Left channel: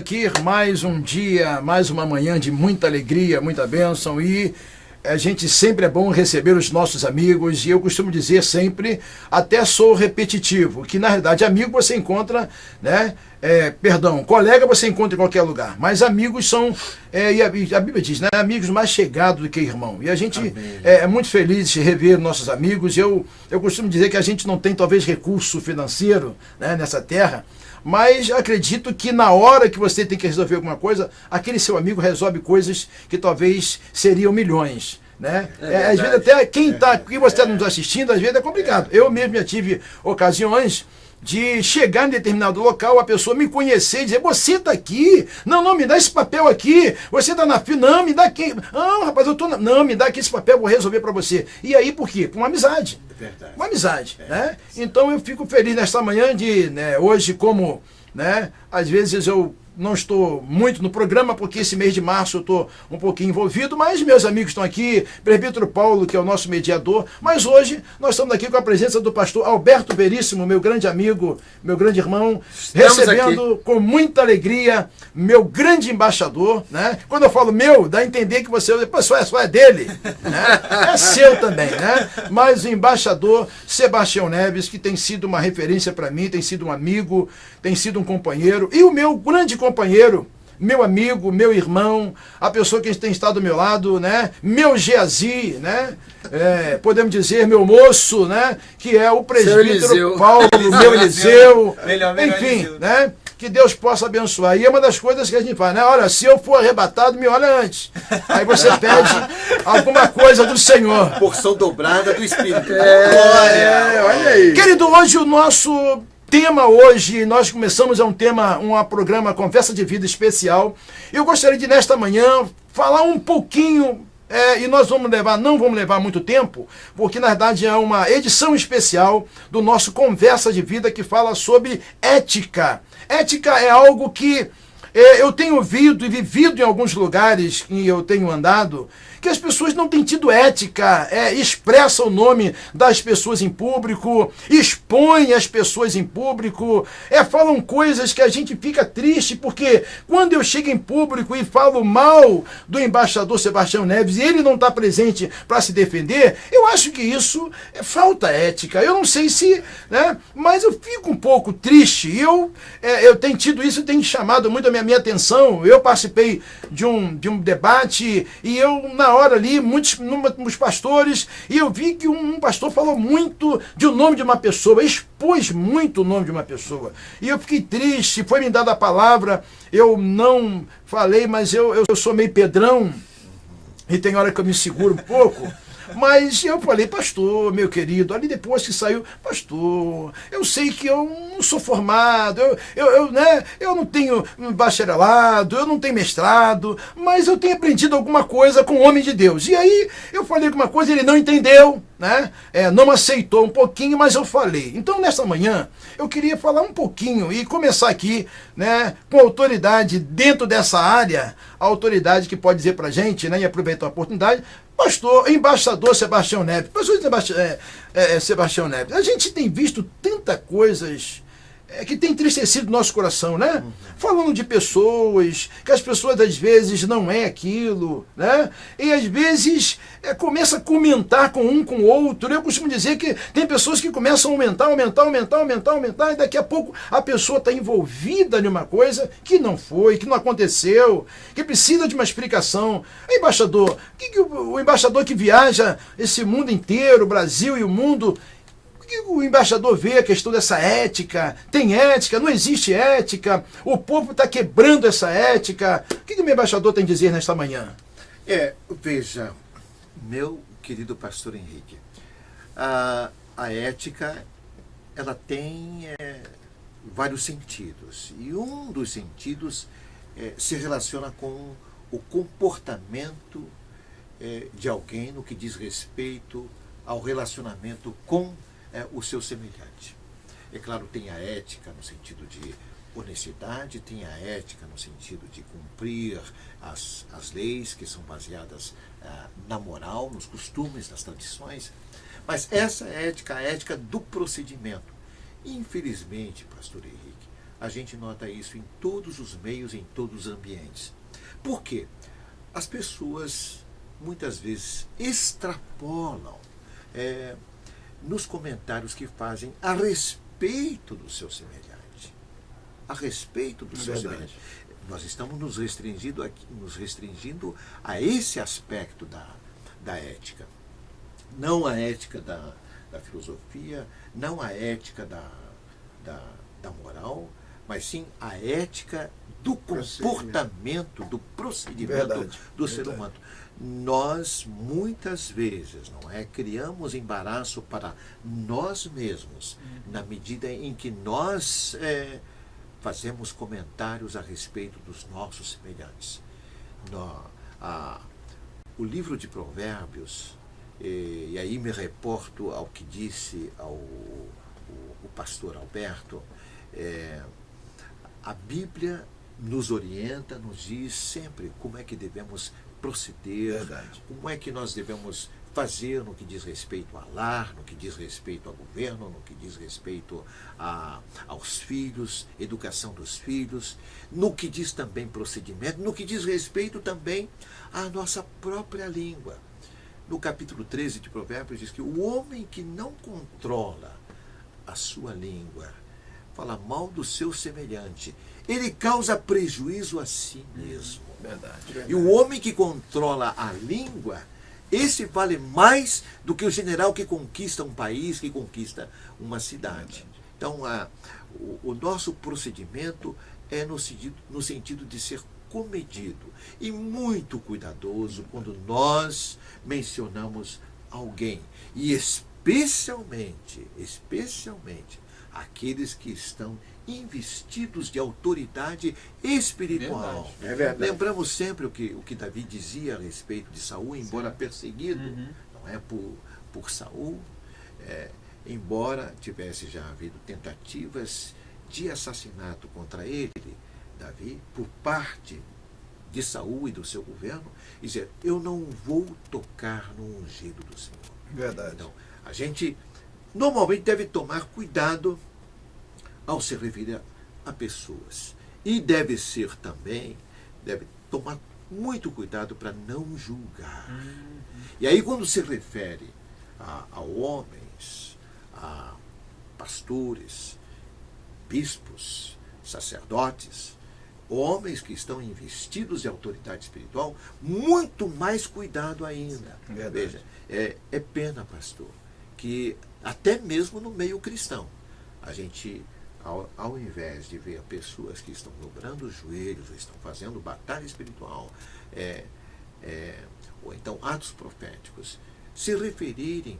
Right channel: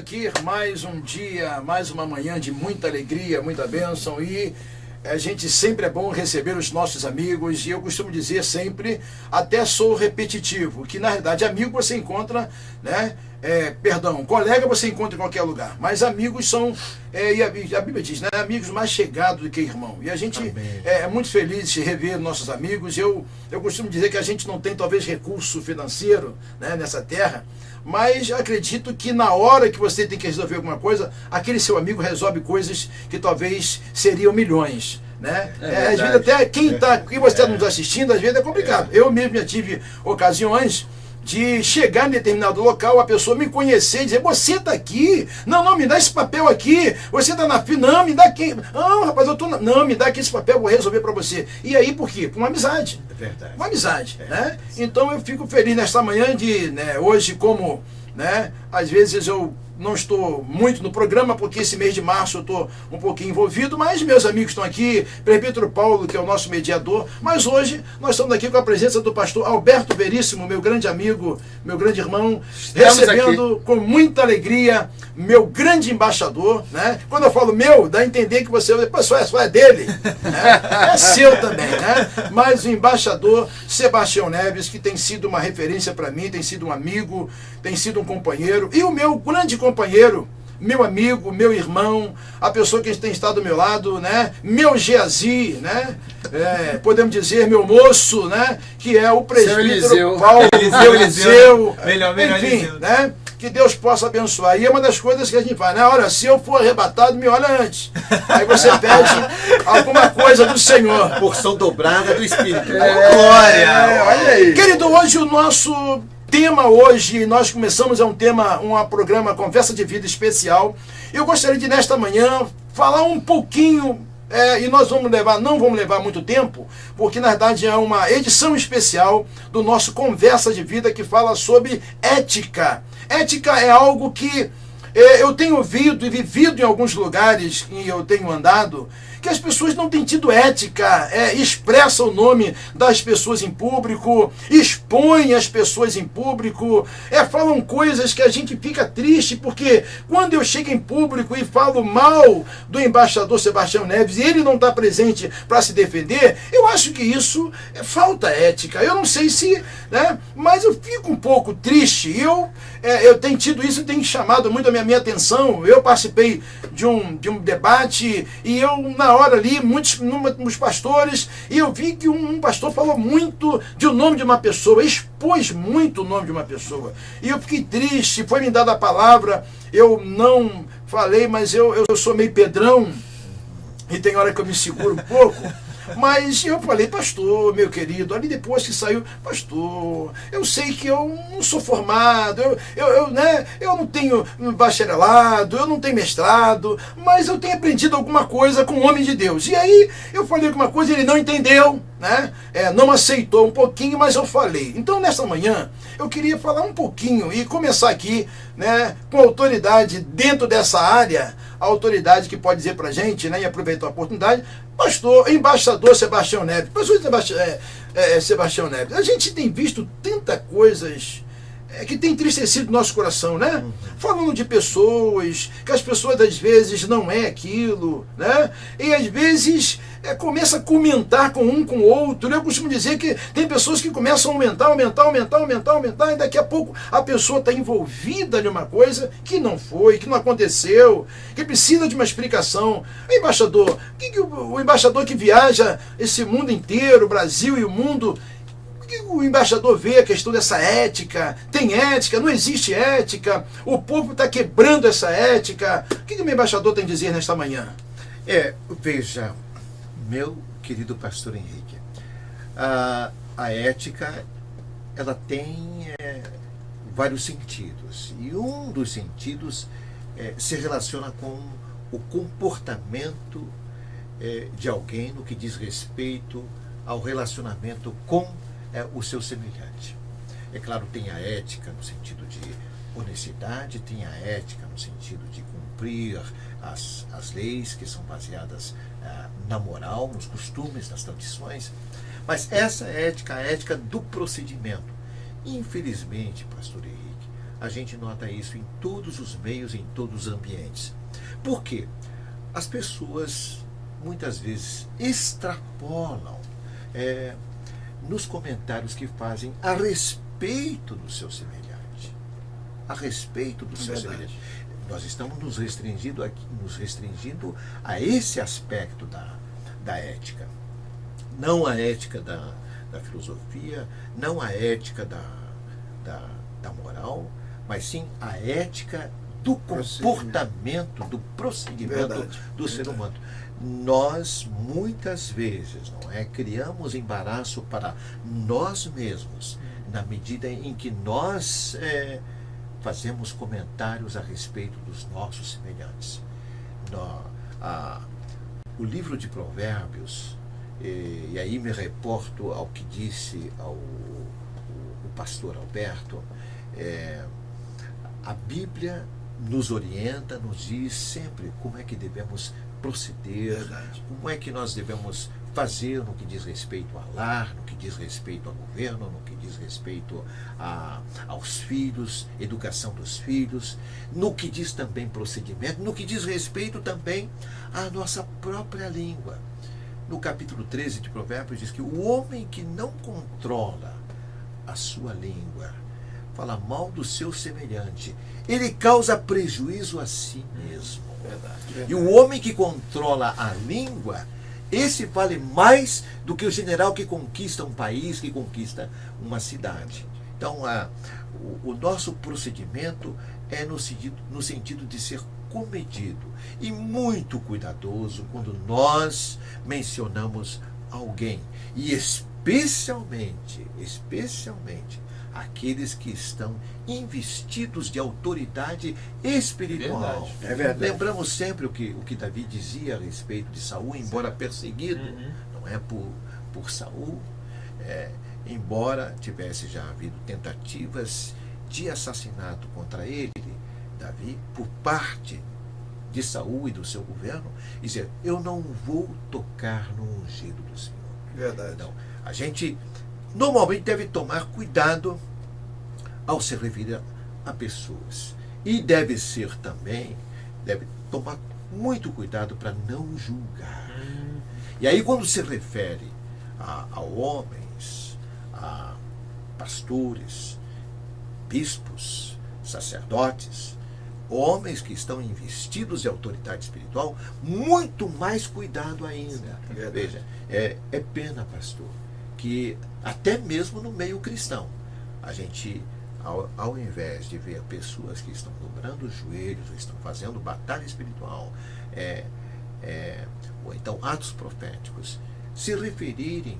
aqui mais um dia, mais uma manhã de muita alegria, muita bênção, e a gente sempre é bom receber os nossos amigos, e eu costumo dizer sempre, até sou repetitivo, que na realidade amigo você encontra, né? Colega você encontra em qualquer lugar, mas amigos são, e a Bíblia diz, né, amigos mais chegados do que irmão, e a gente é muito feliz de rever nossos amigos. Eu costumo dizer que a gente não tem talvez recurso financeiro, né, nessa terra, mas acredito que na hora que você tem que resolver alguma coisa, aquele seu amigo resolve coisas que talvez seriam milhões, né? Às vezes até quem você não está assistindo, às vezes é complicado. Eu mesmo já tive ocasiões de chegar em determinado local, a pessoa me conhecer e dizer, você está aqui? Não, me dá esse papel aqui. Você está na fila? Não, me dá aqui. Não, rapaz, eu estou Não, me dá aqui esse papel, vou resolver para você. E aí, por quê? Por uma amizade. É verdade. Uma amizade, né? Então eu fico feliz nesta manhã de, né, hoje, como, né, às vezes eu não estou muito no programa, porque esse mês de março eu estou um pouquinho envolvido, mas meus amigos estão aqui, Presbítero Paulo, que é o nosso mediador, mas hoje nós estamos aqui com a presença do pastor Alberto Veríssimo, meu grande amigo, meu grande irmão, recebendo com muita alegria meu grande embaixador, né? Quando eu falo meu, dá a entender que você só é dele, né? É seu também, né? Mas o embaixador Sebastião Neves, que tem sido uma referência para mim, tem sido um amigo, tem sido um companheiro, e o meu grande companheiro, meu amigo, meu irmão, a pessoa que tem estado do meu lado, né? Meu Geazi, né? Podemos dizer meu moço, né? Que é o presbítero Paulo, meu Eliseu, enfim, Eliseu, né? Que Deus possa abençoar. E é uma das coisas que a gente faz, né? Olha, se eu for arrebatado, me olha antes. Aí você pede alguma coisa do Senhor. Porção dobrada do Espírito. Glória! Olha aí. Querido, hoje o nosso tema nós começamos um programa Conversa de Vida especial. Eu gostaria de, nesta manhã, falar um pouquinho, e nós não vamos levar muito tempo, porque na verdade é uma edição especial do nosso Conversa de Vida que fala sobre ética. Ética é algo que eu tenho ouvido e vivido em alguns lugares e eu tenho andado, que as pessoas não têm tido ética, expressa o nome das pessoas em público, expõe as pessoas em público, falam coisas que a gente fica triste, porque quando eu chego em público e falo mal do embaixador Sebastião Neves e ele não está presente para se defender, eu acho que isso falta ética. Eu não sei se, né, mas eu fico um pouco triste. Eu tenho tido isso, tem chamado muito a minha atenção. Eu participei de um debate e eu, na hora ali, muitos pastores, e eu vi que um pastor falou muito do nome de uma pessoa, expôs muito o nome de uma pessoa, e eu fiquei triste. Foi me dada a palavra, eu não falei, mas eu sou meio pedrão, e tem hora que eu me seguro um pouco. Mas eu falei, pastor, meu querido, ali depois que saiu, pastor, eu sei que eu não sou formado, eu não tenho bacharelado, eu não tenho mestrado, mas eu tenho aprendido alguma coisa com o homem de Deus. E aí eu falei alguma coisa, ele não entendeu, né? Não aceitou um pouquinho, mas eu falei. Então, nessa manhã, eu queria falar um pouquinho e começar aqui, né, com autoridade dentro dessa área, a autoridade que pode dizer pra gente, né, e aproveitar a oportunidade, embaixador Sebastião Neves, Sebastião Neves, a gente tem visto tantas coisas que tem entristecido o nosso coração, né? Falando de pessoas, que as pessoas às vezes não é aquilo, né? E às vezes começa a comentar com um com o outro. Eu costumo dizer que tem pessoas que começam a aumentar, e daqui a pouco a pessoa está envolvida em uma coisa que não foi, que não aconteceu, que precisa de uma explicação. Embaixador, o embaixador que viaja esse mundo inteiro, o Brasil e o mundo, o embaixador vê a questão dessa ética? Tem ética? Não existe ética? O povo está quebrando essa ética. O que o meu embaixador tem a dizer nesta manhã? Veja, meu querido pastor Henrique, a ética, ela tem vários sentidos, e um dos sentidos se relaciona com o comportamento de alguém no que diz respeito ao relacionamento com o seu semelhante. É claro, tem a ética no sentido de honestidade, tem a ética no sentido de cumprir as leis que são baseadas na moral, nos costumes, nas tradições, mas essa ética, a ética do procedimento. Infelizmente, pastor Henrique, a gente nota isso em todos os meios, em todos os ambientes. Por quê? As pessoas muitas vezes extrapolam nos comentários que fazem a respeito do seu semelhante. A respeito do seu semelhante. Nós estamos nos restringindo a esse aspecto da ética. Não a ética da filosofia, não a ética da moral, mas sim a ética do comportamento, do procedimento do ser humano. Nós, muitas vezes, criamos embaraço para nós mesmos, na medida em que nós fazemos comentários a respeito dos nossos semelhantes. O livro de Provérbios, e aí me reporto ao que disse o pastor Alberto, a Bíblia nos orienta, nos diz sempre como é que devemos proceder, como é que nós devemos fazer no que diz respeito ao lar, no que diz respeito ao governo, no que diz respeito aos filhos, educação dos filhos, no que diz também procedimento, no que diz respeito também à nossa própria língua. No capítulo 13 de Provérbios diz que o homem que não controla a sua língua, fala mal do seu semelhante, ele causa prejuízo a si mesmo. E o homem que controla a língua, esse vale mais do que o general que conquista um país, que conquista uma cidade. Então, o nosso procedimento é no sentido de ser comedido e muito cuidadoso quando nós mencionamos alguém. E especialmente aqueles que estão investidos de autoridade espiritual. É verdade. Lembramos sempre o que Davi dizia a respeito de Saul, embora perseguido, não é por Saul, embora tivesse já havido tentativas de assassinato contra ele, Davi, por parte de Saul e do seu governo, dizer: eu não vou tocar no ungido do Senhor. Verdade. Então, a gente normalmente deve tomar cuidado ao se referir a pessoas. E deve tomar muito cuidado para não julgar. E aí, quando se refere a homens, a pastores, bispos, sacerdotes, homens que estão investidos de autoridade espiritual, muito mais cuidado ainda. Veja, é pena, pastor, que até mesmo no meio cristão, a gente, ao invés de ver pessoas que estão dobrando os joelhos, estão fazendo batalha espiritual, ou então atos proféticos, se referirem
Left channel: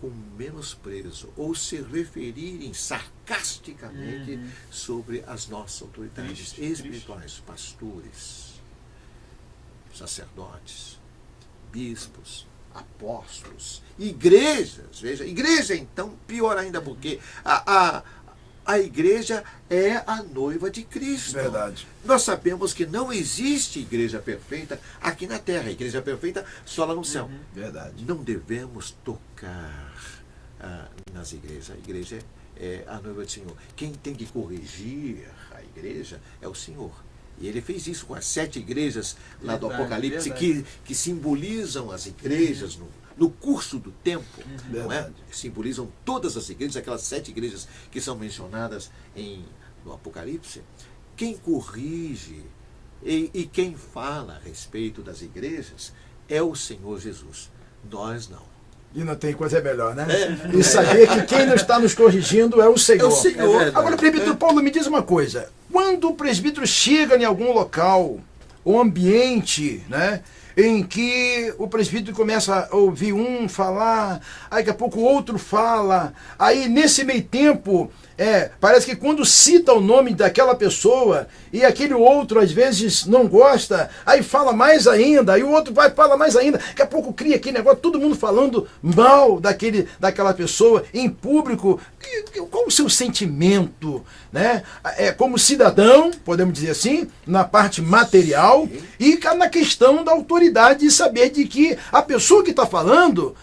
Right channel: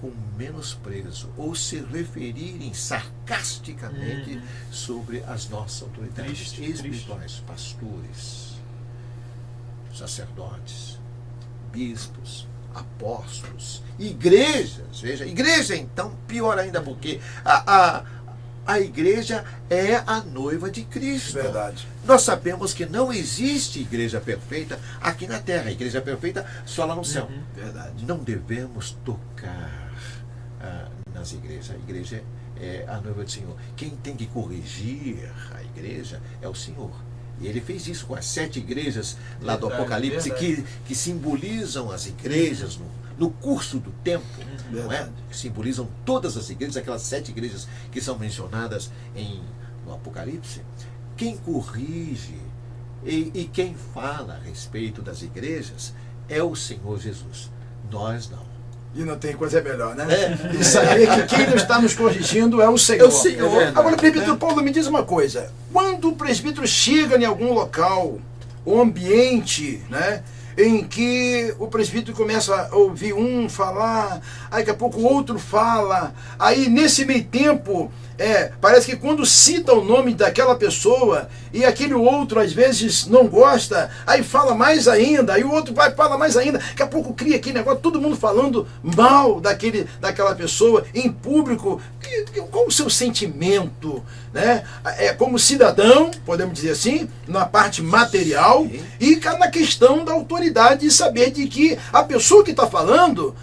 com menosprezo ou se referirem sarcasticamente sobre as nossas autoridades espirituais, pastores, sacerdotes, bispos, apóstolos, igrejas. Veja, igreja então pior ainda, porque a igreja é a noiva de Cristo. Verdade. Nós sabemos que não existe igreja perfeita aqui na terra. A igreja perfeita só lá no céu. Verdade. Não devemos tocar nas igrejas. A igreja é a noiva do Senhor. Quem tem que corrigir a igreja é o Senhor. E ele fez isso com as 7 igrejas lá do Apocalipse, que simbolizam as igrejas no curso do tempo, não é? Que simbolizam todas as igrejas, aquelas 7 igrejas que são mencionadas no Apocalipse. Quem corrige e quem fala a respeito das igrejas é o Senhor Jesus. Nós não. E não tem coisa melhor, né? E saber que quem está nos corrigindo é o Senhor. É o Senhor. Agora, presbítero Paulo, me diz uma coisa. Quando o presbítero chega em algum local, ou ambiente, né, em que o presbítero começa a ouvir um falar, aí daqui a pouco o outro fala, aí nesse meio tempo, parece que quando cita o nome daquela pessoa e aquele outro às vezes não gosta, aí fala mais ainda, aí o outro vai falar mais ainda, daqui a pouco cria aquele negócio, todo mundo falando mal daquela pessoa em público. Qual o seu sentimento, né? Como cidadão, podemos dizer assim, na parte material, e na questão da autoridade de saber de que a pessoa que está falando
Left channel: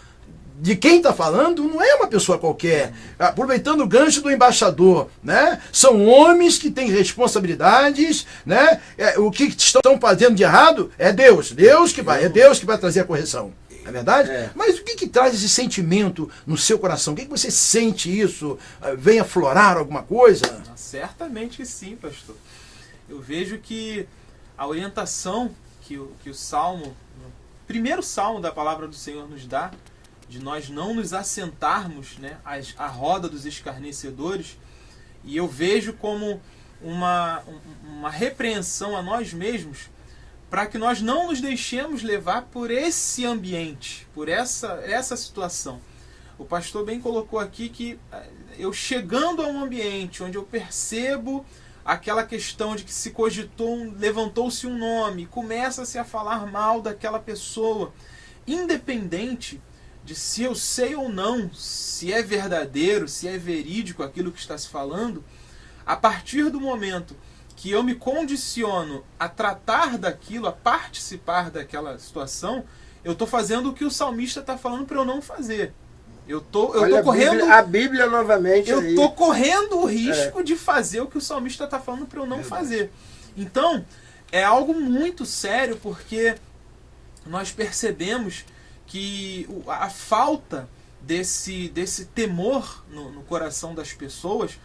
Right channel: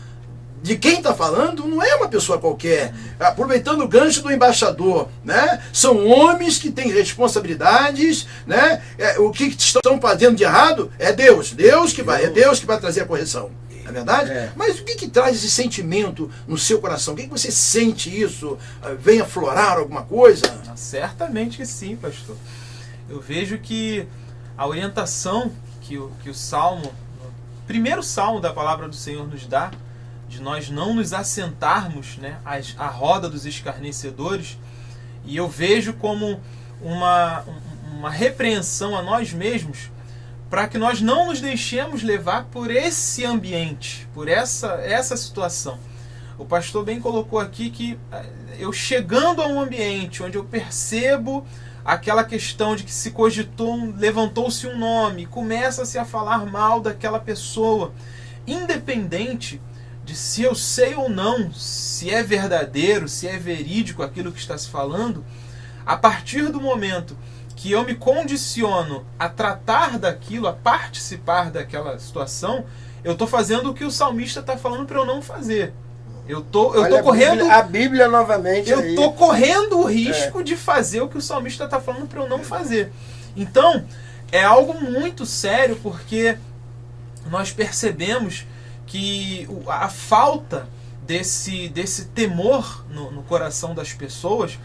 de quem está falando não é uma pessoa qualquer. Aproveitando o gancho do embaixador, né? São homens que têm responsabilidades, né? O que estão fazendo de errado é Deus. É Deus que vai trazer a correção. Não é verdade? Mas o que traz esse sentimento no seu coração? O que você sente isso? Vem aflorar alguma coisa? Certamente que sim, pastor. Eu vejo que a orientação que o Salmo, o primeiro Salmo da palavra do Senhor nos dá, de nós não nos assentarmos, né, à roda dos escarnecedores, e eu vejo como uma repreensão a nós mesmos, para que nós não nos deixemos levar por esse ambiente, por essa situação. O pastor bem colocou aqui que eu chegando a um ambiente onde eu percebo aquela questão de que se cogitou, levantou-se um nome, começa-se a falar mal daquela pessoa, independente de se eu sei ou não, se é verdadeiro, se é verídico aquilo que está se falando, a partir do momento que eu me condiciono a tratar daquilo, a participar daquela situação, eu estou fazendo o que o salmista está falando para eu não fazer. Eu tô correndo a Bíblia novamente. Eu estou correndo o risco de fazer o que o salmista está falando para eu não fazer. Então, é algo muito sério, porque nós percebemos que a falta desse temor no coração das pessoas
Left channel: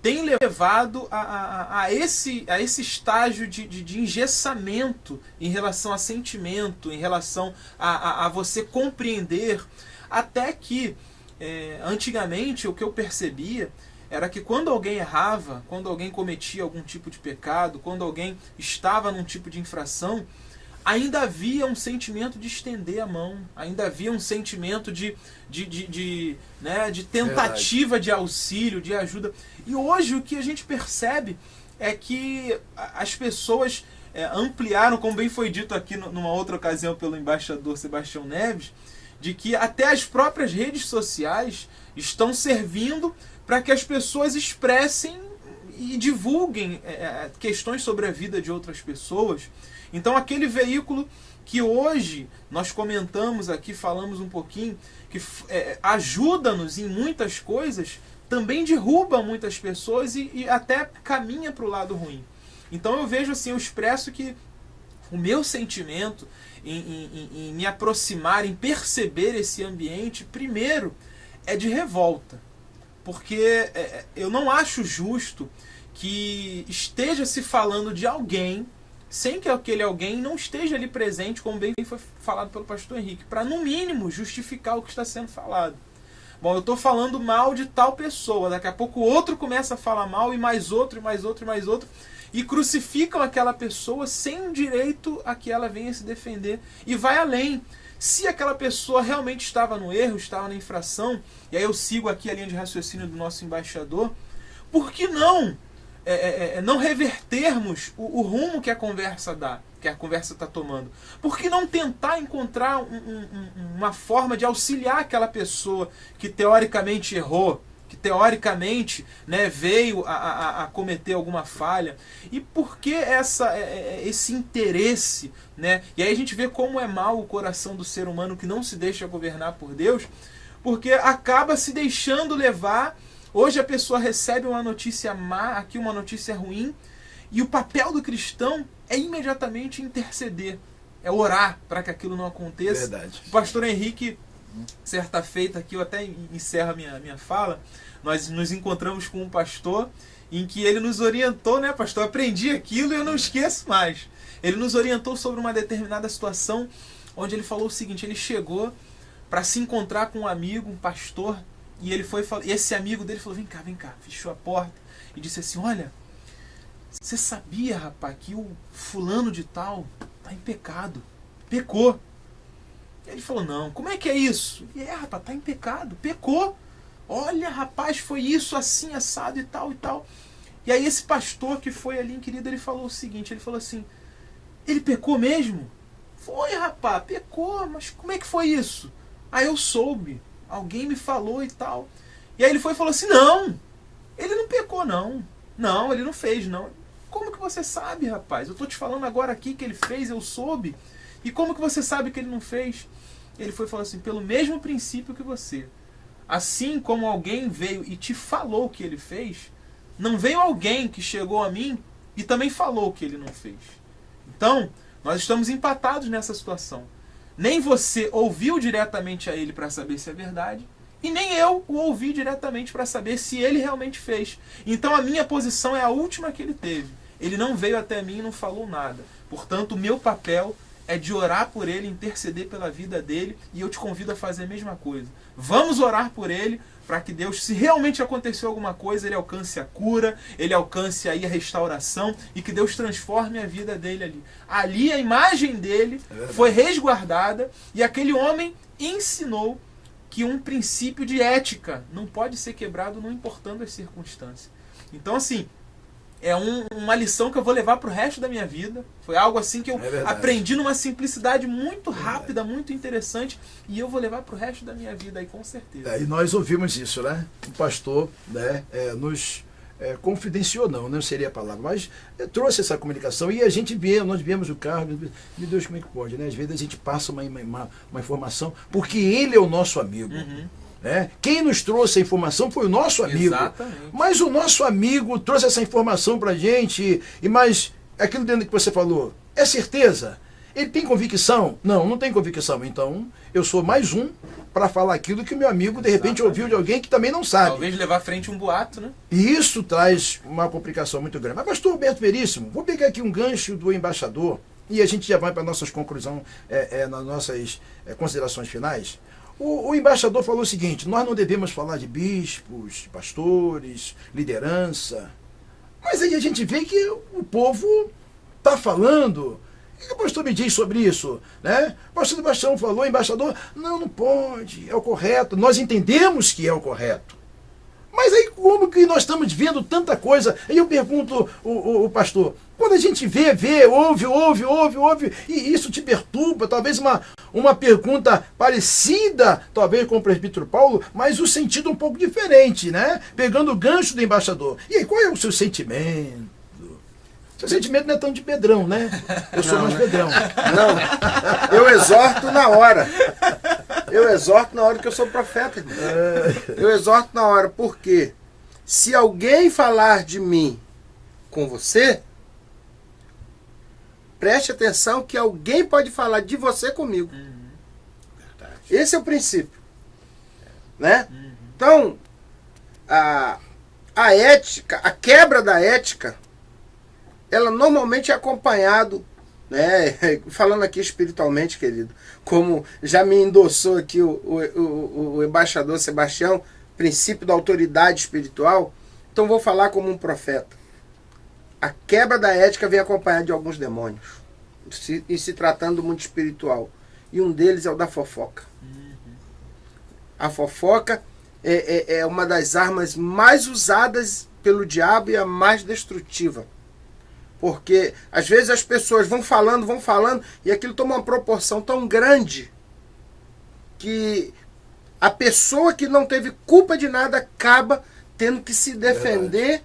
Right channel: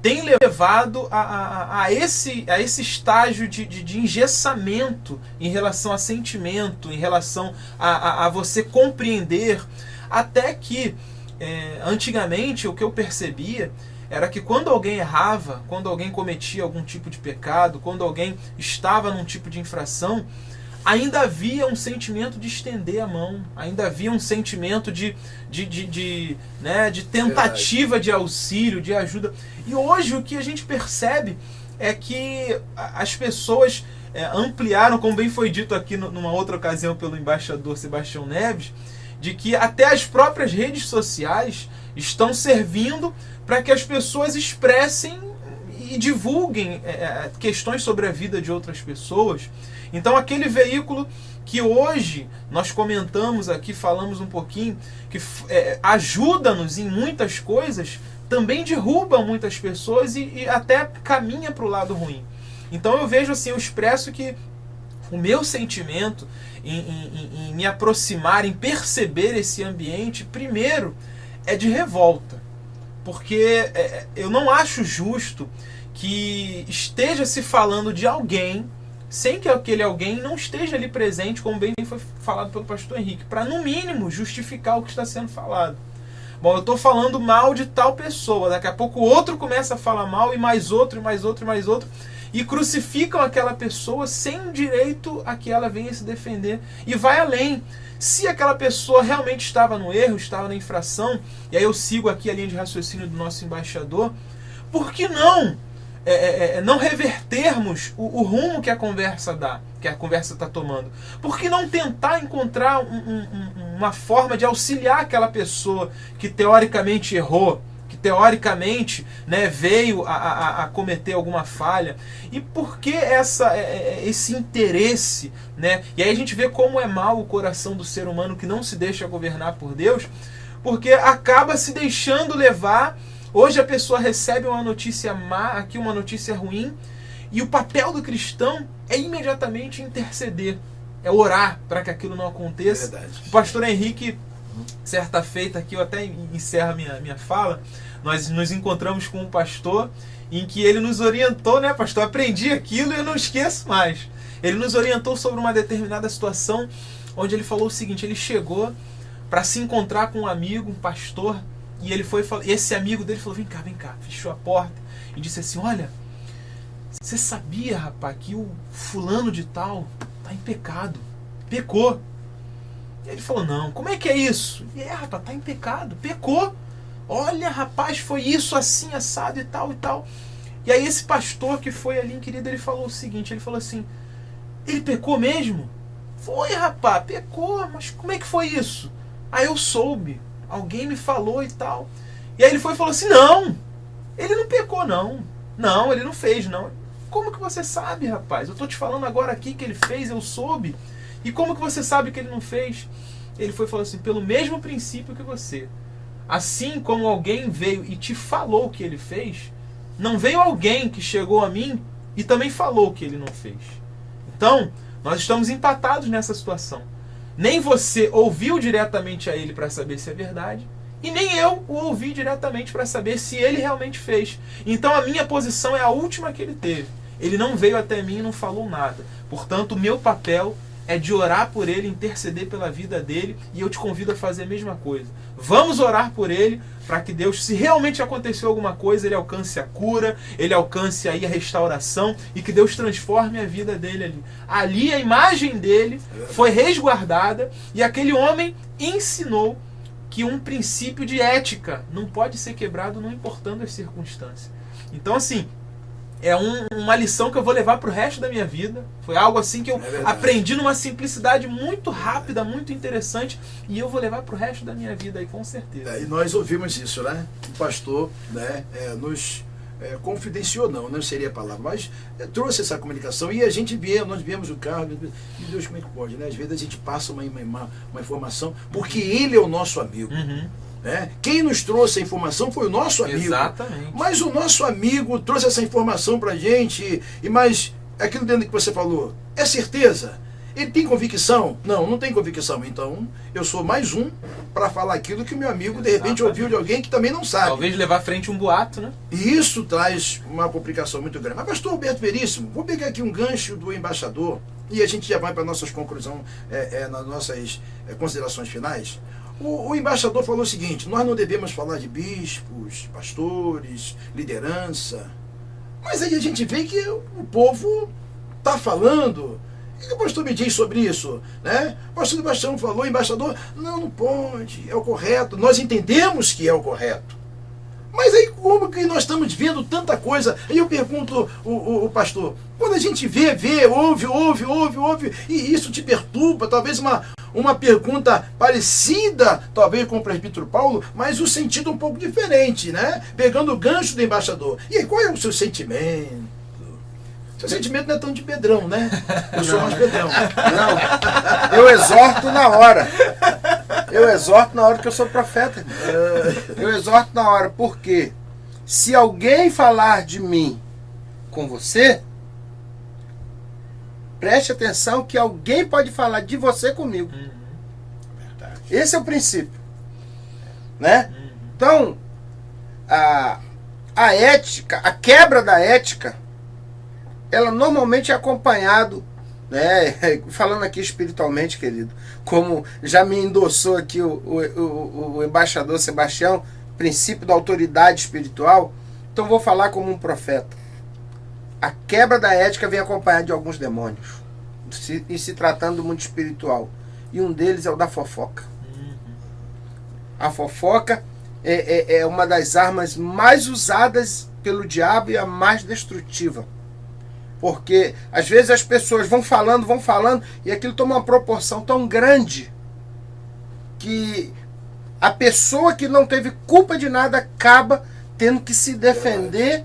tem levado a esse estágio de engessamento em relação a sentimento, em relação a você compreender, até que antigamente o que eu percebia era que quando alguém errava, quando alguém cometia algum tipo de pecado, quando alguém estava num tipo de infração, ainda havia um sentimento de estender a mão, ainda havia um sentimento de tentativa de auxílio, de ajuda. E hoje o que a gente percebe é que as pessoas ampliaram, como bem foi dito aqui numa outra ocasião pelo embaixador Sebastião Neves, de que até as próprias redes sociais estão servindo para que as pessoas expressem e divulguem questões sobre a vida de outras pessoas. Então aquele veículo que hoje nós comentamos aqui, falamos um pouquinho, que ajuda-nos em muitas coisas, também derruba muitas pessoas e até caminha para o lado ruim. Então eu vejo assim, eu expresso que o meu sentimento em me aproximar, em perceber esse ambiente, primeiro é de revolta. Porque eu não acho justo que esteja se falando de alguém sem que aquele alguém não esteja ali presente, como bem foi falado pelo pastor Henrique, para no mínimo justificar o que está sendo falado. Bom, eu estou falando mal de tal pessoa, daqui a pouco o outro começa a falar mal, e mais outro, e mais outro, e mais outro, e crucificam aquela pessoa sem direito a que ela venha se defender, e vai além. Se aquela pessoa realmente estava no erro, estava na infração, e aí eu sigo aqui a linha de raciocínio do nosso embaixador, por que não não revertermos o rumo que a conversa dá, que a conversa está tomando? Por que não tentar encontrar uma forma de auxiliar aquela pessoa que teoricamente errou, que teoricamente, né, veio a cometer alguma falha? E por que esse interesse, né? E aí a gente vê como é mau o coração do ser humano que não se deixa governar por Deus, porque acaba se deixando levar. Hoje a pessoa recebe uma notícia má, aqui uma notícia ruim, e o papel do cristão é imediatamente interceder, é orar para que aquilo não aconteça. Verdade. O pastor Henrique, certa feita aqui, eu até encerro minha fala, nós nos encontramos com um pastor em que ele nos orientou, né, pastor? Aprendi aquilo e eu não esqueço mais. Ele nos orientou sobre uma determinada situação, onde ele falou o seguinte: ele chegou para se encontrar com um amigo, um pastor, e ele foi, e esse amigo dele falou: vem cá, fechou a porta e disse assim: olha, você sabia, rapaz, que o fulano de tal tá em pecado, pecou? Ele falou: não, como é que é isso? E rapaz, tá em pecado, pecou. Olha, rapaz, foi isso, assim, assado e tal e tal. E aí esse pastor que foi ali, querido, ele falou o seguinte, ele falou assim: ele pecou mesmo? Foi, rapaz, pecou, mas como é que foi isso? Aí eu soube, alguém me falou e tal. E aí ele foi e falou assim: não, ele não pecou não. Não, ele não fez não. Como que você sabe, rapaz? Eu tô te falando agora aqui que ele fez, eu soube. E como que você sabe que ele não fez? Ele foi e falou assim, pelo mesmo princípio que você. Assim como alguém veio e te falou o que ele fez, não veio alguém que chegou a mim e também falou o que ele não fez. Então, nós estamos empatados nessa situação. Nem você ouviu diretamente a ele para saber se é verdade, e nem eu o ouvi diretamente para saber se ele realmente fez. Então a minha posição é a última que ele teve. Ele não veio até mim e não falou nada. Portanto, o meu papel é de orar por ele, interceder pela vida dele, e eu te convido a fazer a mesma coisa. Vamos orar por ele, para que Deus, se realmente aconteceu alguma coisa, ele alcance a cura, ele alcance aí a restauração, e que Deus transforme a vida dele ali. Ali a imagem dele foi resguardada, e aquele homem ensinou que um princípio de ética não pode ser quebrado, não importando as circunstâncias. Então, assim, é uma lição que eu vou levar para o resto da minha vida. Foi algo assim que eu aprendi numa simplicidade muito rápida, muito interessante, e eu vou levar para o resto da minha vida aí, com certeza. E nós ouvimos isso, né? O pastor, né, nos confidenciou, não seria a palavra, mas trouxe essa comunicação, e a gente nós viemos o carro, meu Deus, como é que pode, né? Às vezes a gente passa uma informação, porque ele é o nosso amigo. Uhum. Quem nos trouxe a informação foi o nosso amigo. Exatamente. Mas o nosso amigo trouxe essa informação pra gente, mas aquilo dentro que você falou, é certeza? Ele tem convicção? Não tem convicção. Então, eu sou mais um para falar aquilo que o meu amigo, de repente, ouviu de alguém que também não sabe. Talvez levar à frente um boato, né? E isso traz uma complicação muito grande. Mas, pastor Alberto Veríssimo, vou pegar aqui um gancho do embaixador, e a gente já vai para nossas conclusões, nas nossas considerações finais. O embaixador falou o seguinte: nós não devemos falar de bispos, pastores, liderança. Mas aí a gente vê que o povo está falando. O que o pastor me diz sobre isso? Né? O pastor Sebastião falou, embaixador, não pode, é o correto. Nós entendemos que é o correto. Mas aí como que nós estamos vendo tanta coisa? Aí eu pergunto, o pastor, quando a gente vê, ouve, e isso te perturba, talvez uma pergunta parecida, talvez com o presbítero Paulo, mas o sentido um pouco diferente, né? Pegando o gancho do embaixador. E aí, qual é o seu sentimento? Seu sentimento não é tão de Pedrão, né? Eu sou mais Pedrão. Não, eu exorto na hora. Eu exorto na hora que eu sou profeta. Eu exorto na hora, porque se alguém falar de mim com você, preste atenção que alguém pode falar de você comigo. Esse é o princípio. Né? Então, a ética, a quebra da ética, ela normalmente é acompanhado, né, falando aqui espiritualmente, querido, como já me endossou aqui o embaixador Sebastião, princípio da autoridade espiritual, então vou falar como um profeta. A quebra da ética vem acompanhada de alguns demônios, e se tratando do mundo espiritual. E um deles é o da fofoca. A fofoca é uma das armas mais usadas pelo diabo e a mais destrutiva. Porque às vezes as pessoas vão falando, e aquilo toma uma proporção tão grande que a pessoa que não teve culpa de nada acaba tendo que se defender,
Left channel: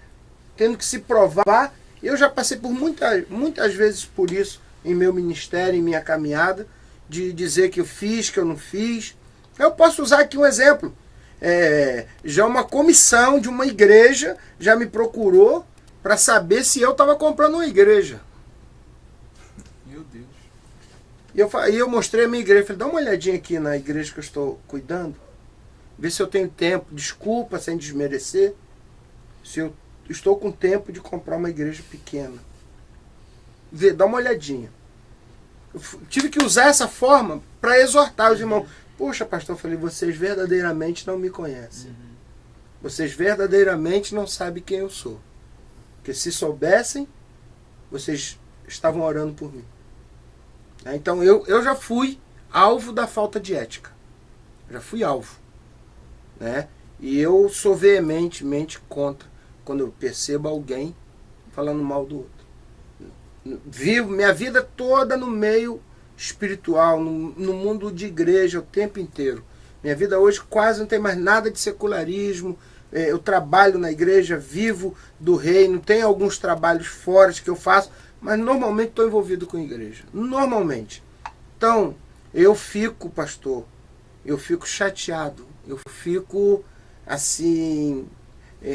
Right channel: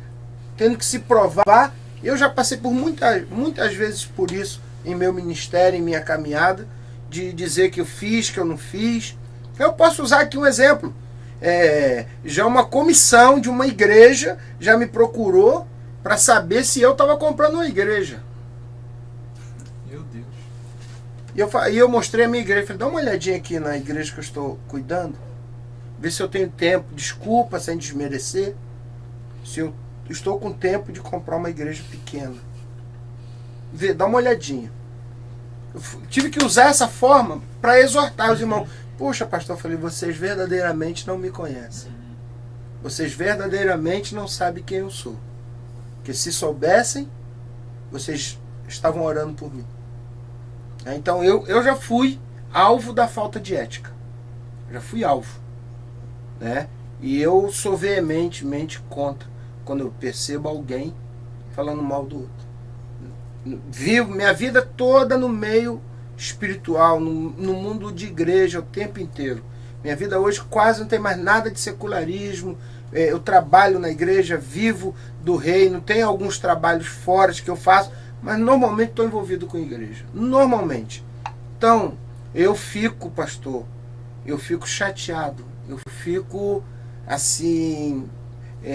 tendo que se provar. Eu já passei por muitas vezes por isso em meu ministério, em minha caminhada, de dizer que eu fiz, que eu não fiz. Eu posso usar aqui um exemplo. Já uma comissão de uma igreja já me procurou para saber se eu estava comprando uma igreja. Meu Deus. E eu mostrei a minha igreja. Falei, dá uma olhadinha aqui na igreja que eu estou cuidando. Vê se eu tenho tempo. Desculpa, sem desmerecer. Se eu estou com tempo de comprar uma igreja pequena. Vê, dá uma olhadinha. Eu tive que usar essa forma para exortar os irmãos. Poxa, pastor, eu falei, vocês verdadeiramente não me conhecem. Vocês verdadeiramente não sabem quem eu sou. Porque se soubessem, vocês estavam orando por mim. Então eu já fui alvo da falta de ética. Já fui alvo. Né? E eu sou veementemente contra quando eu percebo alguém falando mal do outro. Vivo minha vida toda no meio espiritual, no mundo de igreja o tempo inteiro. Minha vida hoje quase não tem mais nada de secularismo. Eu trabalho na igreja, vivo do reino, tenho alguns trabalhos fora que eu faço, mas normalmente estou envolvido com a igreja. Normalmente. Então, eu fico, pastor, eu fico chateado, eu fico assim,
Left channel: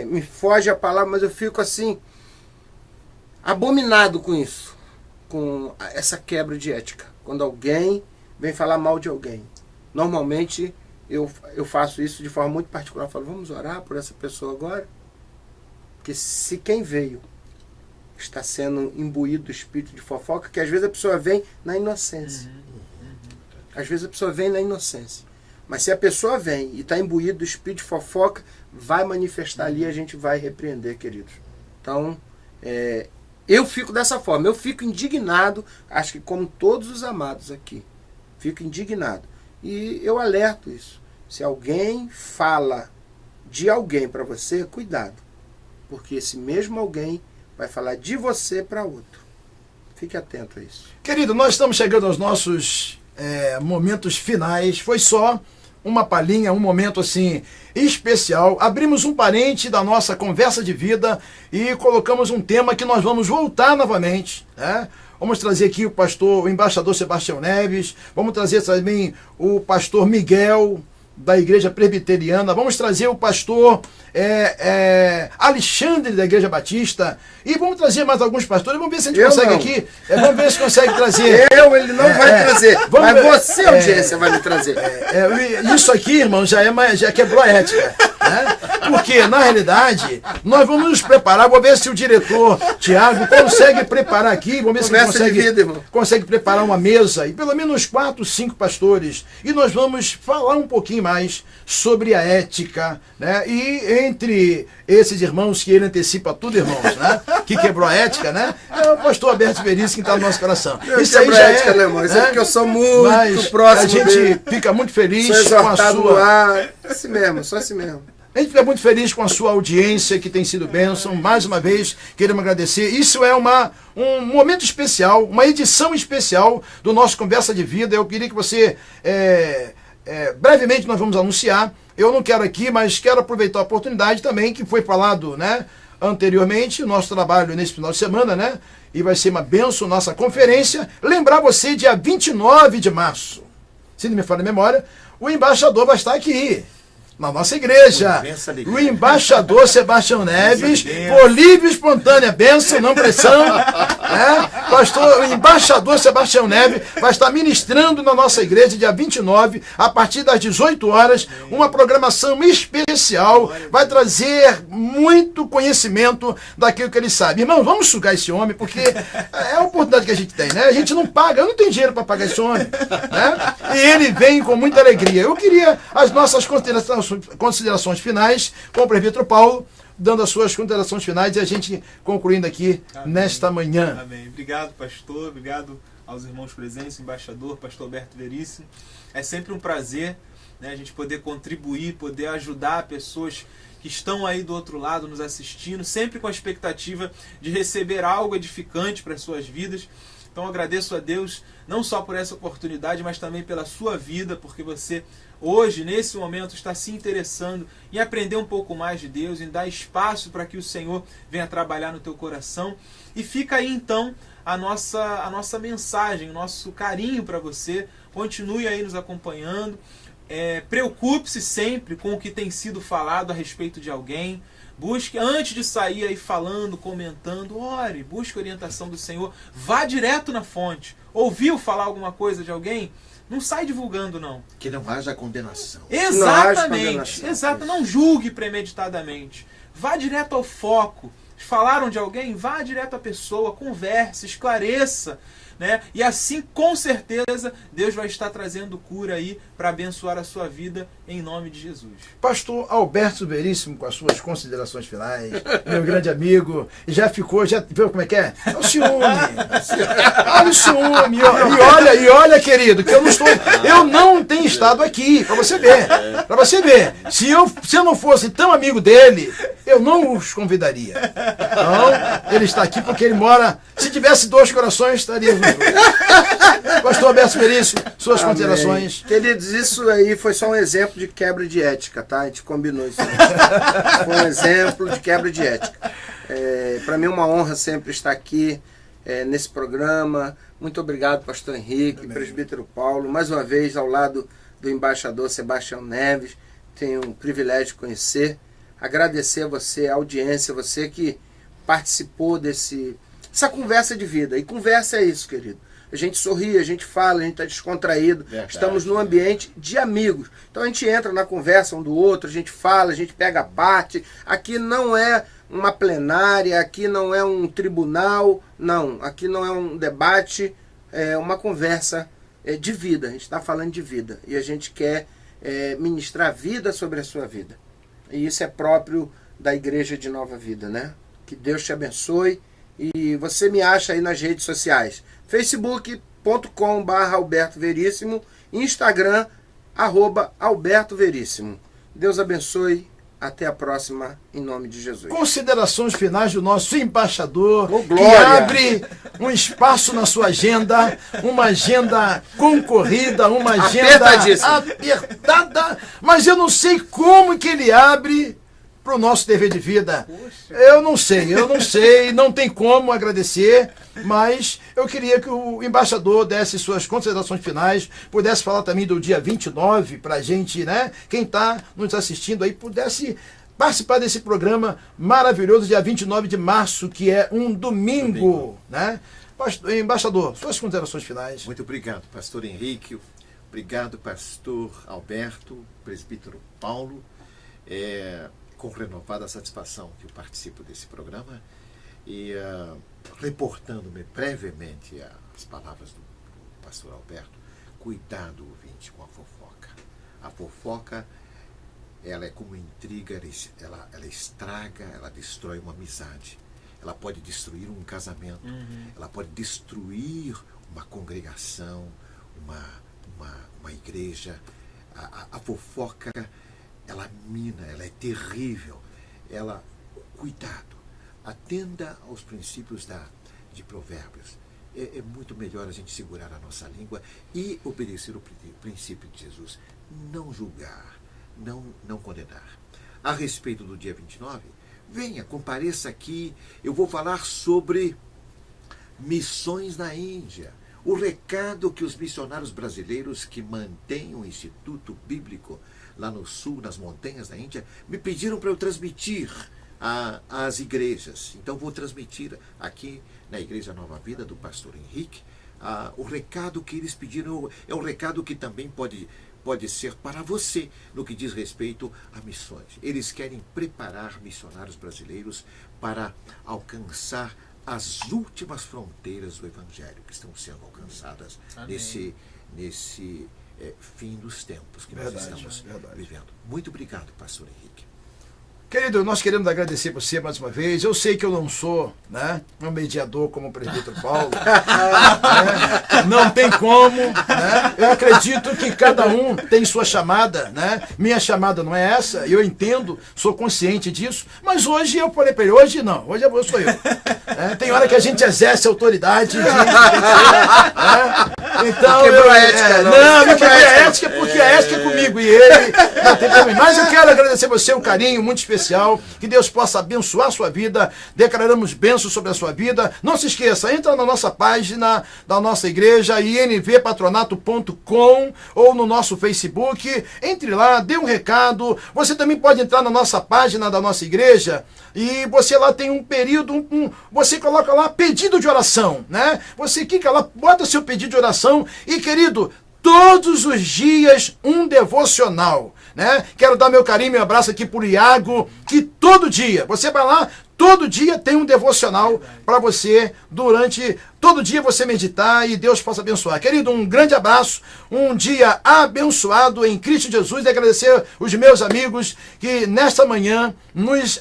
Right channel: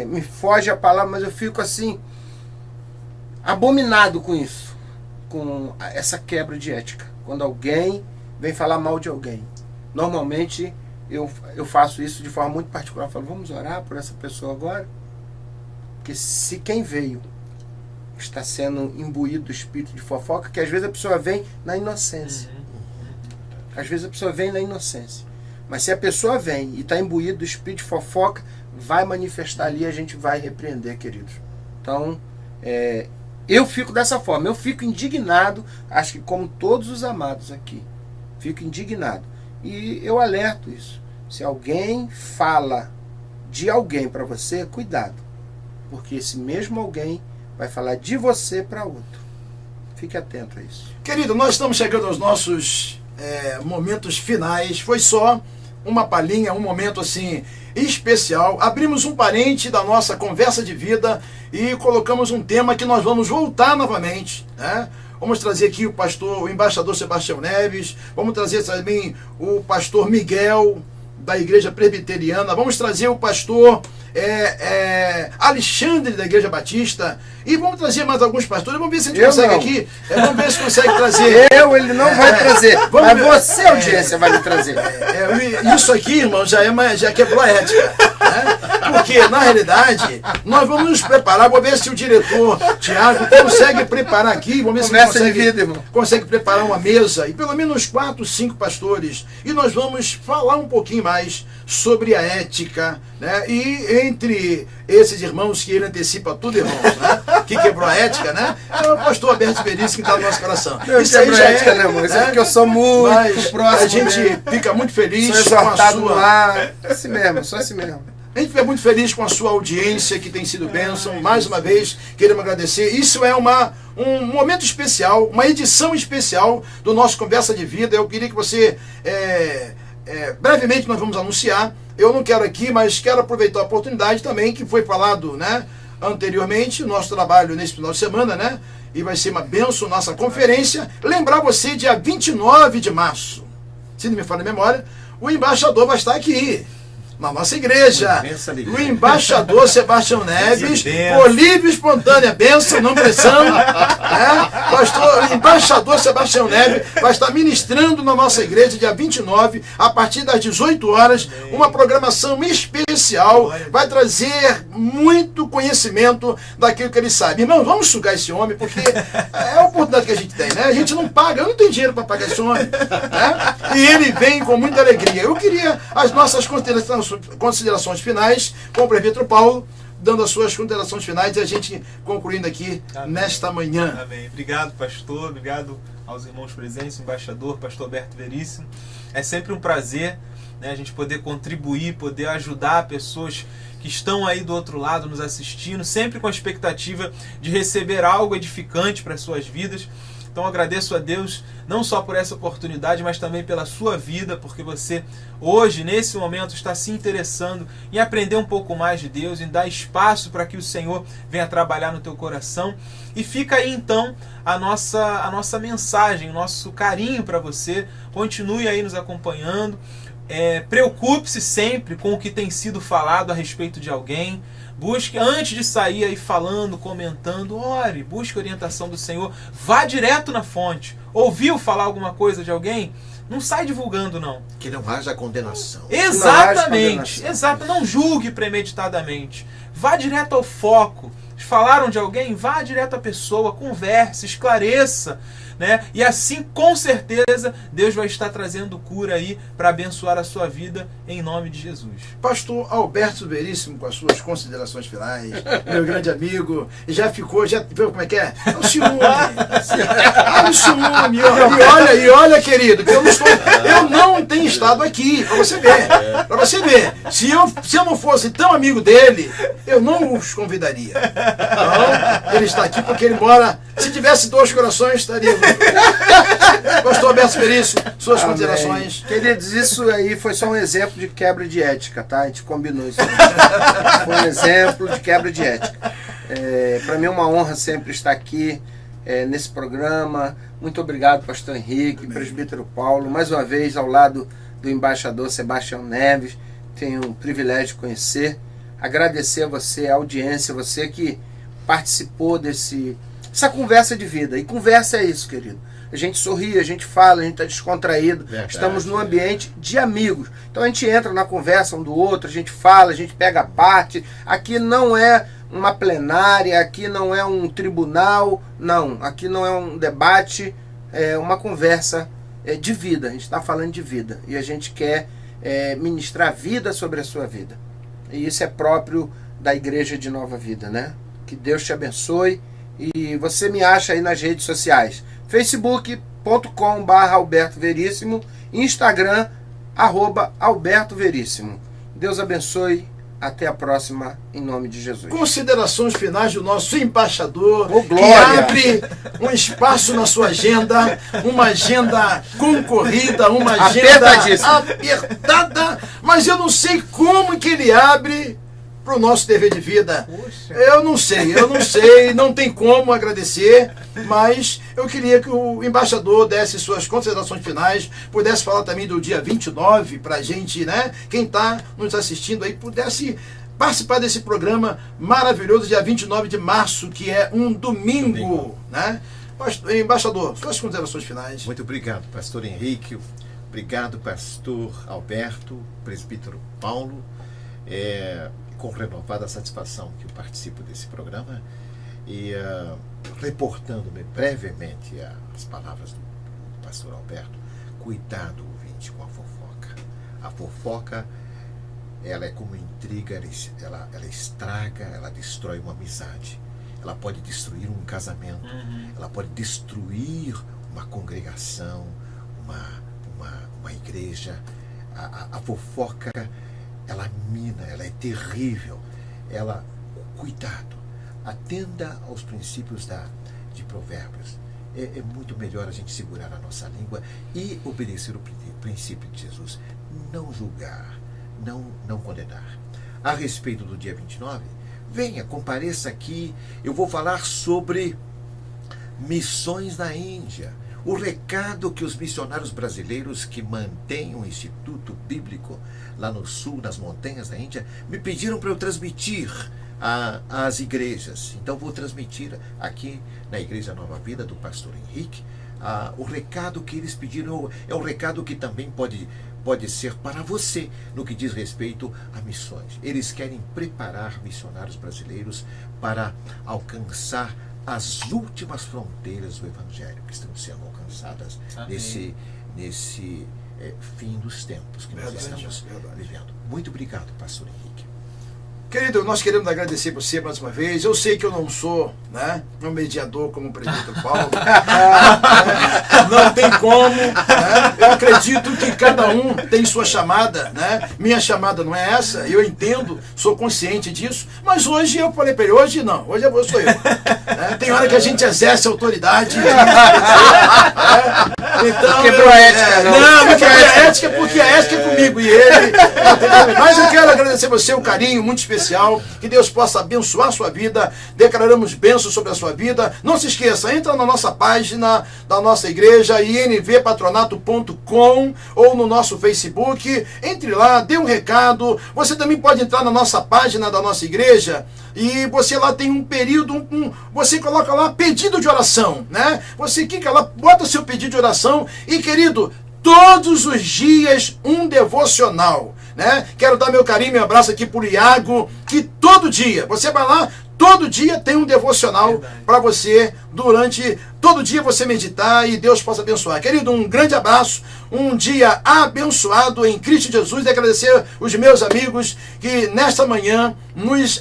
me foge a palavra, mas eu fico assim, abominado com isso, com essa quebra de ética. Quando alguém vem falar mal de alguém, normalmente eu faço isso de forma muito particular. Eu falo, vamos orar por essa pessoa agora? Porque se quem veio está sendo imbuído do espírito de fofoca, que às vezes a pessoa vem na inocência. Às vezes a pessoa vem na inocência. Mas se a pessoa vem e está imbuído do espírito de fofoca, vai manifestar ali e a gente vai repreender, queridos. Então, eu fico dessa forma. Eu fico indignado, acho que como todos os amados aqui. Fico indignado. E eu alerto isso. Se alguém fala de alguém para você, cuidado. Porque esse mesmo alguém vai falar de você para outro. Fique atento a isso. Querido, nós estamos chegando aos nossos momentos finais. Foi só uma palhinha, um momento assim especial. Abrimos um parente da nossa conversa de vida e colocamos um tema que nós vamos voltar novamente, né? Vamos trazer aqui o embaixador Sebastião Neves, vamos trazer também o pastor Miguel, da Igreja Presbiteriana, vamos trazer o pastor Alexandre, da Igreja Batista, e vamos trazer mais alguns pastores. Vamos ver se a gente consegue aqui, vamos ver se consegue trazer. Ele não vai trazer, mas você, audiência, vai me trazer. Isso aqui, irmão, já quebrou a ética, né? Porque, na realidade, nós vamos nos preparar. Vou ver se o diretor Tiago consegue preparar aqui. Vamos ver se ele consegue preparar uma mesa e pelo menos 4, 5 pastores. E nós vamos falar um pouquinho mais sobre a ética, né? E entre esses irmãos que ele antecipa tudo, irmãos, né? Que quebrou a ética, né? É o pastor Alberto Veríssimo que está no nosso coração. Isso aí já ética, né, irmão? Isso é porque eu sou muito próximo. A gente fica muito feliz com a sua. Assim mesmo, só assim mesmo. A gente fica muito feliz com a sua audiência, que tem sido bênção. Mais uma vez, queremos agradecer. Isso é um momento especial, uma edição especial do nosso Conversa de Vida. Eu queria que você, brevemente nós vamos anunciar. Eu não quero aqui, mas quero aproveitar a oportunidade também, que foi falado, né, anteriormente, o nosso trabalho nesse final de semana, né? E vai ser uma bênção nossa conferência. Lembrar você, dia 29 de março, se não me falha a memória, o embaixador vai estar aqui na nossa igreja. O embaixador Sebastião Neves, por livre e espontânea bênção, não pressão, né? O embaixador Sebastião Neves vai estar ministrando na nossa igreja dia 29, a partir das 18 horas, uma programação especial, vai trazer muito conhecimento daquilo que ele sabe. Irmão, vamos sugar esse homem, porque é a oportunidade que a gente tem, né? A gente não paga, eu não tenho dinheiro para pagar esse homem, né? E ele vem com muita alegria. Eu queria as nossas considerações finais com o prefeito Paulo, dando as suas considerações finais e a gente concluindo aqui nesta manhã. Amém. Obrigado, pastor. Obrigado aos irmãos presentes, embaixador, pastor Alberto Veríssimo. É sempre um prazer, né, a gente poder contribuir, poder ajudar pessoas que estão aí do outro lado nos assistindo, sempre com a expectativa de receber algo edificante para as suas vidas. Então agradeço a Deus não só por essa oportunidade, mas também pela sua vida, porque você hoje, nesse momento, está se interessando em aprender um pouco mais de Deus, em dar espaço para que o Senhor venha trabalhar no teu coração. E fica aí então a nossa mensagem, o nosso carinho para você. Continue aí nos acompanhando. Preocupe-se sempre com o que tem sido falado a respeito de alguém. Busque, antes de sair aí falando, comentando, ore, busque a orientação do Senhor. Vá direto na fonte. Ouviu falar alguma coisa de alguém? Não sai divulgando, não. Que não haja condenação. Exatamente. Exato. Não julgue premeditadamente. Vá direto ao foco. Falaram de alguém? Vá direto à pessoa, converse, esclareça, né? E assim, com certeza, Deus vai estar trazendo cura aí para abençoar a sua vida em nome de Jesus. Pastor Alberto Veríssimo, com as suas considerações finais, meu grande amigo, já viu como é que é? É o ciúme. Olha o ciúme. E olha, querido, que eu não tenho estado aqui, para você ver. Para você ver. Se eu não fosse tão amigo dele, eu não os convidaria. Então, ele está aqui porque ele mora. Se tivesse 2 corações, estaria junto. Pastor Alberto Veríssimo, suas Amém. Considerações. Queridos, isso aí foi só um exemplo de quebra de ética, tá? A gente combinou isso. Foi um exemplo de quebra de ética. Para mim é uma honra sempre estar aqui nesse programa, Muito obrigado, pastor Henrique, presbítero Paulo, mais uma vez ao lado do embaixador Sebastião Neves. Tenho o privilégio de conhecer. Agradecer a você, a audiência, você que participou dessa conversa de vida. E conversa é isso, querido. A gente sorri, a gente fala, a gente está descontraído. Verdade, estamos num ambiente de amigos. Então a gente entra na conversa um do outro, a gente fala, a gente pega a parte. Aqui não é uma plenária, aqui não é um tribunal, não. Aqui não é um debate, é uma conversa de vida. A gente está falando de vida. E a gente quer ministrar vida sobre a sua vida. E isso é próprio da Igreja de Nova Vida, né? Que Deus te abençoe. E você me acha aí nas redes sociais. facebook.com/Alberto Veríssimo, Instagram, @Alberto Veríssimo. Deus abençoe, até a próxima, em nome de Jesus. Considerações finais do nosso embaixador, que glória! abre um espaço na sua agenda, uma agenda concorrida, uma agenda apertada, mas eu não sei como que ele abre para o nosso TV de Vida. Poxa. Eu não sei, não tem como agradecer, mas eu queria que o embaixador desse suas considerações finais, pudesse falar também do dia 29, para a gente, né, quem está nos assistindo aí, pudesse participar desse programa maravilhoso, dia 29 de março, que é um domingo, né? Embaixador, suas considerações finais. Muito obrigado, pastor Henrique. Obrigado, pastor Alberto, presbítero Paulo. Com renovada satisfação que eu participo desse programa e reportando-me brevemente as palavras do pastor Alberto, cuidado, ouvinte, com a fofoca. A fofoca, ela é como intriga, ela estraga, ela destrói uma amizade, ela pode destruir um casamento, ela pode destruir uma congregação, uma igreja. A fofoca, ela mina, ela é terrível. Cuidado, atenda aos princípios de Provérbios. É muito melhor a gente segurar a nossa língua e obedecer o princípio de Jesus. Não julgar, não condenar. A respeito do dia 29, venha, compareça aqui. Eu vou falar sobre missões na Índia. O recado que os missionários brasileiros que mantêm um instituto bíblico lá no sul, nas montanhas da Índia, me pediram para eu transmitir às igrejas. Então vou transmitir aqui na Igreja Nova Vida do pastor Henrique o recado que eles pediram. É um recado que também pode ser para você no que diz respeito a missões. Eles querem preparar missionários brasileiros para alcançar as últimas fronteiras do Evangelho que estão sendo alcançadas nesse fim dos tempos que nós estamos vivendo. Muito obrigado, pastor Henrique. Querido, nós queremos agradecer você mais uma vez. Eu sei que eu não sou, né, um mediador como o presbítero Paulo. Não tem como. Né? Eu acredito que cada um tem sua chamada. Né? Minha chamada não é essa, eu entendo, sou consciente disso. Mas hoje eu falei para ele, hoje não, hoje sou eu. Né? Tem hora que a gente exerce autoridade. Então, quebrou a ética, não quebrou a ética, porque a ética é comigo e ele. Mas eu quero agradecer você, um carinho muito especial. Que Deus possa abençoar a sua vida. Declaramos bênçãos sobre a sua vida. Não se esqueça, entra na nossa página da nossa igreja, invpatronato.com, ou no nosso Facebook. Entre lá, dê um recado. Você também pode entrar na nossa página da nossa igreja e você lá tem um período, você coloca lá pedido de oração, né? Você clica lá, bota o seu pedido de oração e, querido, todos os dias um devocional, né? Quero dar meu carinho, meu abraço aqui por Iago, que todo dia, você vai lá, todo dia tem um devocional para você, todo dia você meditar e Deus possa abençoar. Querido, um grande abraço, um dia abençoado em Cristo Jesus, e agradecer os meus amigos que nesta manhã nos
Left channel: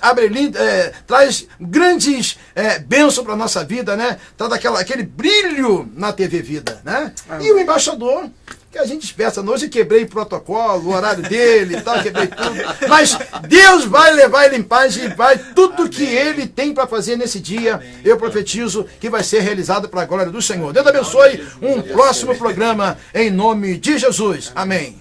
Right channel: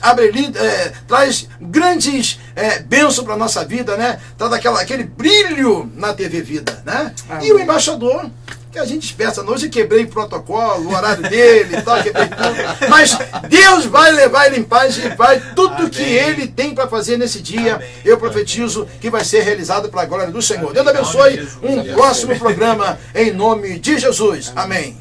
traz grandes bênçãos para a nossa vida, né? Traz aquele brilho na TV Vida, né? E o embaixador, que a gente espera, hoje quebrei o protocolo, o horário dele e tal, quebrei tudo, mas Deus vai levar ele em paz e vai tudo que ele tem para fazer nesse dia, eu profetizo que vai ser realizado para a glória do Senhor. Deus abençoe, um próximo programa em nome de Jesus. Amém.